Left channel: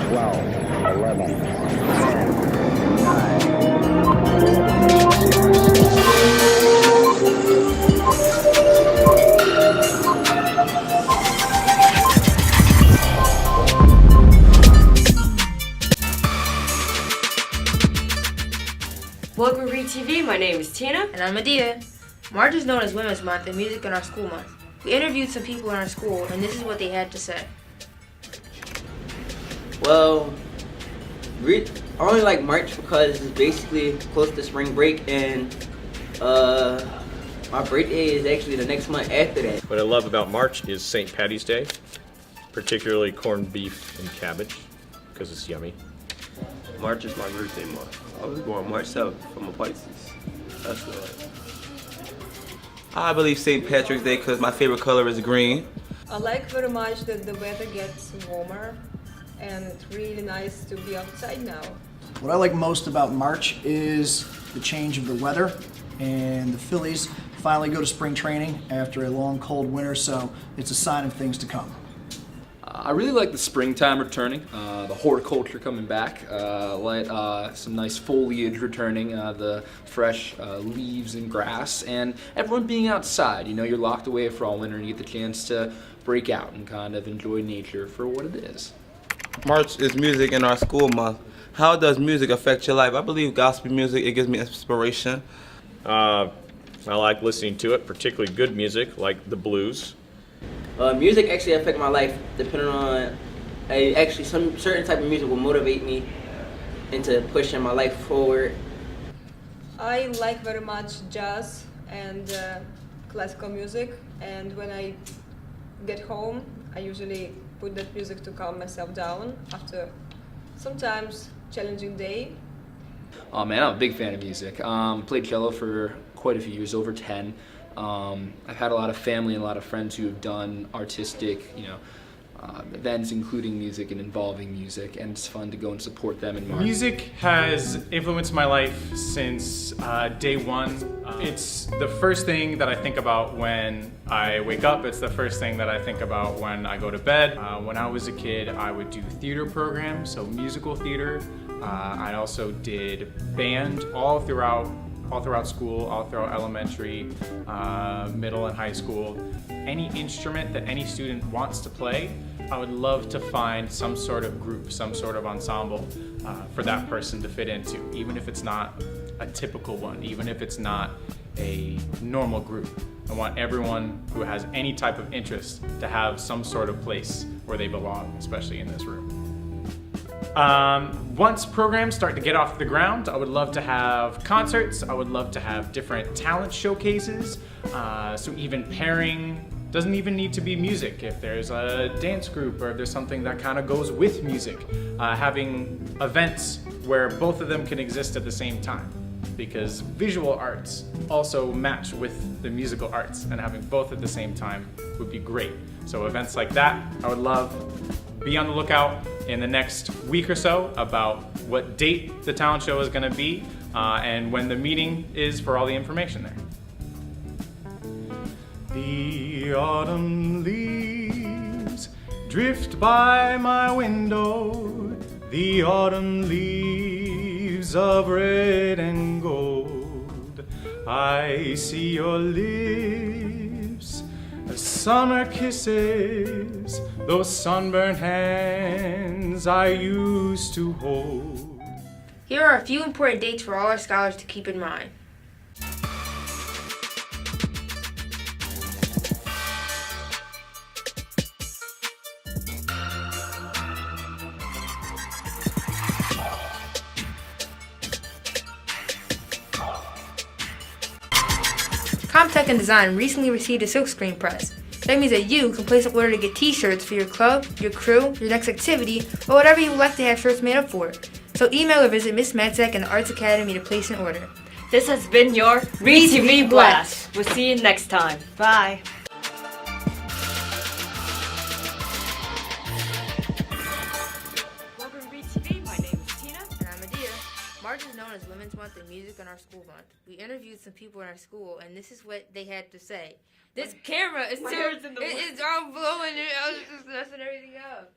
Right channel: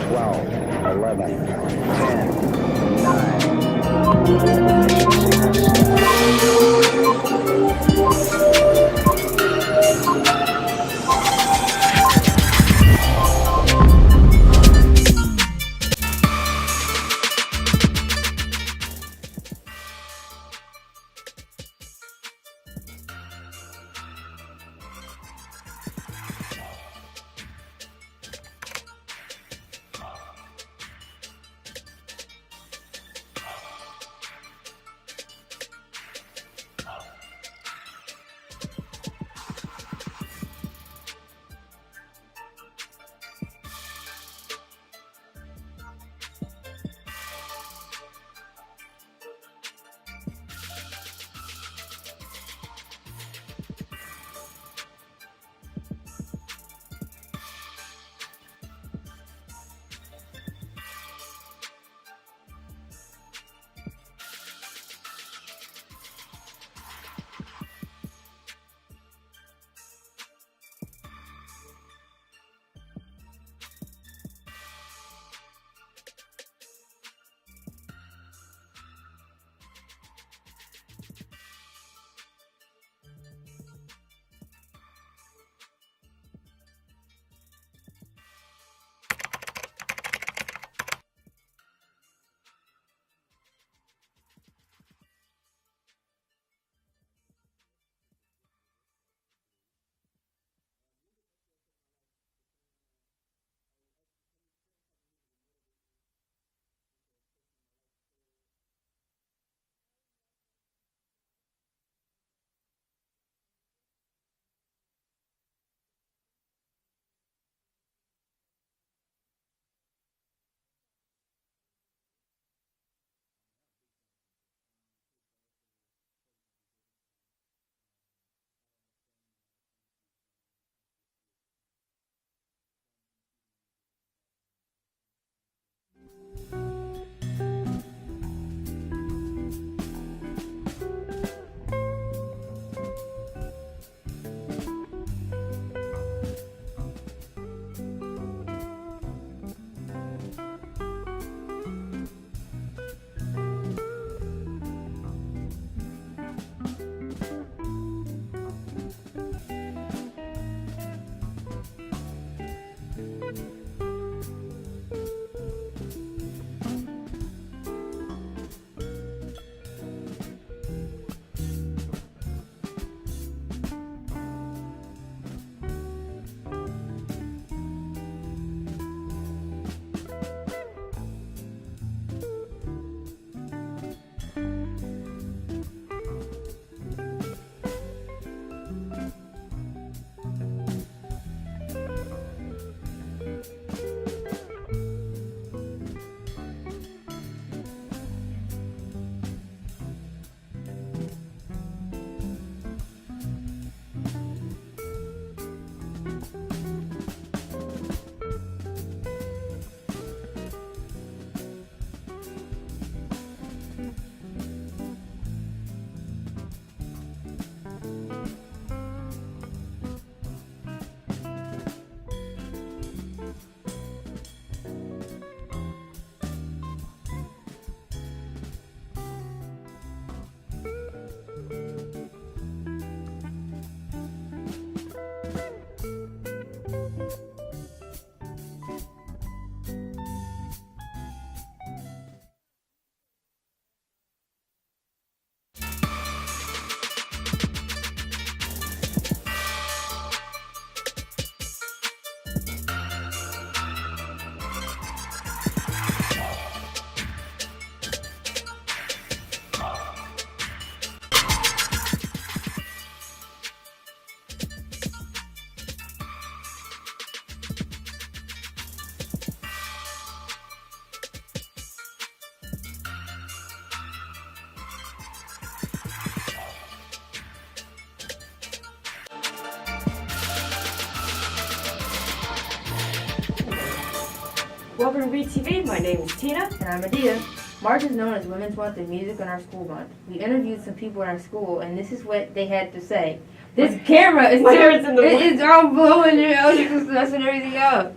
12, 11, 10, 9. Mission zero Welcome to Ried TV. My name is Tina. And I'm Medea. March is known as Women's Month and Music in Our School Month. We interviewed some people in our school, and this is what they had to say. Well, I only like March because it's basically close to spring break, and my birthday is actually the next month after that. What I love about March is St. Patty's Day, particularly corned beef and cabbage, because it's yummy. March is my birthday month. I was born March 7th from a Pisces. That's what I believe St. Patrick's Day because my favorite color is green. I like very much that the weather gets warmer and it's really nice to be outside now. What I like most about March is the change of the weather, and the Phillies finally go to spring training after a long cold winter, so it's a sign of things to come. I really like the springtime returning, the horticulture coming back, some nice foliage returning, the fresh leaves and grass, and everyone being outside. You know, you're locked away for all winter and you get the chance to break out and kind of enjoy nature for what it is. March is Music in Our School Month. How does music affect your life? I believe gospel music, it gives me inspiration. I like listening to it, particularly good music like the blues. Music actually affect my life depending on, actually some certain type of music will motivate me into pushing my life forward. I like very much jazz and classical music, and when I get home I usually put that music to calm myself down after sometimes challenging day. Oh man, I'm a big fan of music. Played cello for quite a few years, over 10. I've had a lot of family and a lot of friends who have done artistic, events including music and involving music, and it's fun to go and support them in March. Music has influenced my life since day one. It's the first thing that I think about when I wake up. It's the first thing that I think about when I go to bed. When I was a kid, I would do theater programs, so musical theater. I also did band all throughout school, all throughout elementary, middle and high school. Any instrument that any student wants to play, I would love to find some sort of group, some sort of ensemble for that person to fit into, even if it's not a typical one, even if it's not a normal group. I want everyone who has any type of interest to have some sort of place where they belong, especially in this room. Once programs start to get off the ground, I would love to have concerts. I would love to have different talent showcases. So even pairing doesn't even need to be music. If there's a dance group or if there's something that kind of goes with music, having events where both of them can exist at the same time, because visual arts also match with the musical arts, and having both at the same time would be great. So events like that, I would love. Be on the lookout in the next week or so about what date the talent show is going to be and when the meeting is for all the information there. The autumn leaves drift by my window, the autumn leaves of red and gold. I see your lips, the summer kisses, those sunburned hands I used to hold. Here are a few important dates for all our scholars to keep in mind. Comtech and Design recently received a silkscreen press. That means that you can place an order to get t-shirts for your club, your crew, your next activity, or whatever you would like to have shirts made up for. So email or visit Miss Madsack and the Arts Academy to place an order. This has been your Ried TV Blast. We'll see you next time. Bye. Welcome to Ried TV. My name is Tina. And I'm Medea. March is known as Women's Month and Music in Our School Month. We interviewed some people in our school, and this is what they had to say. This camera is it's all blowing, it's messing everything up.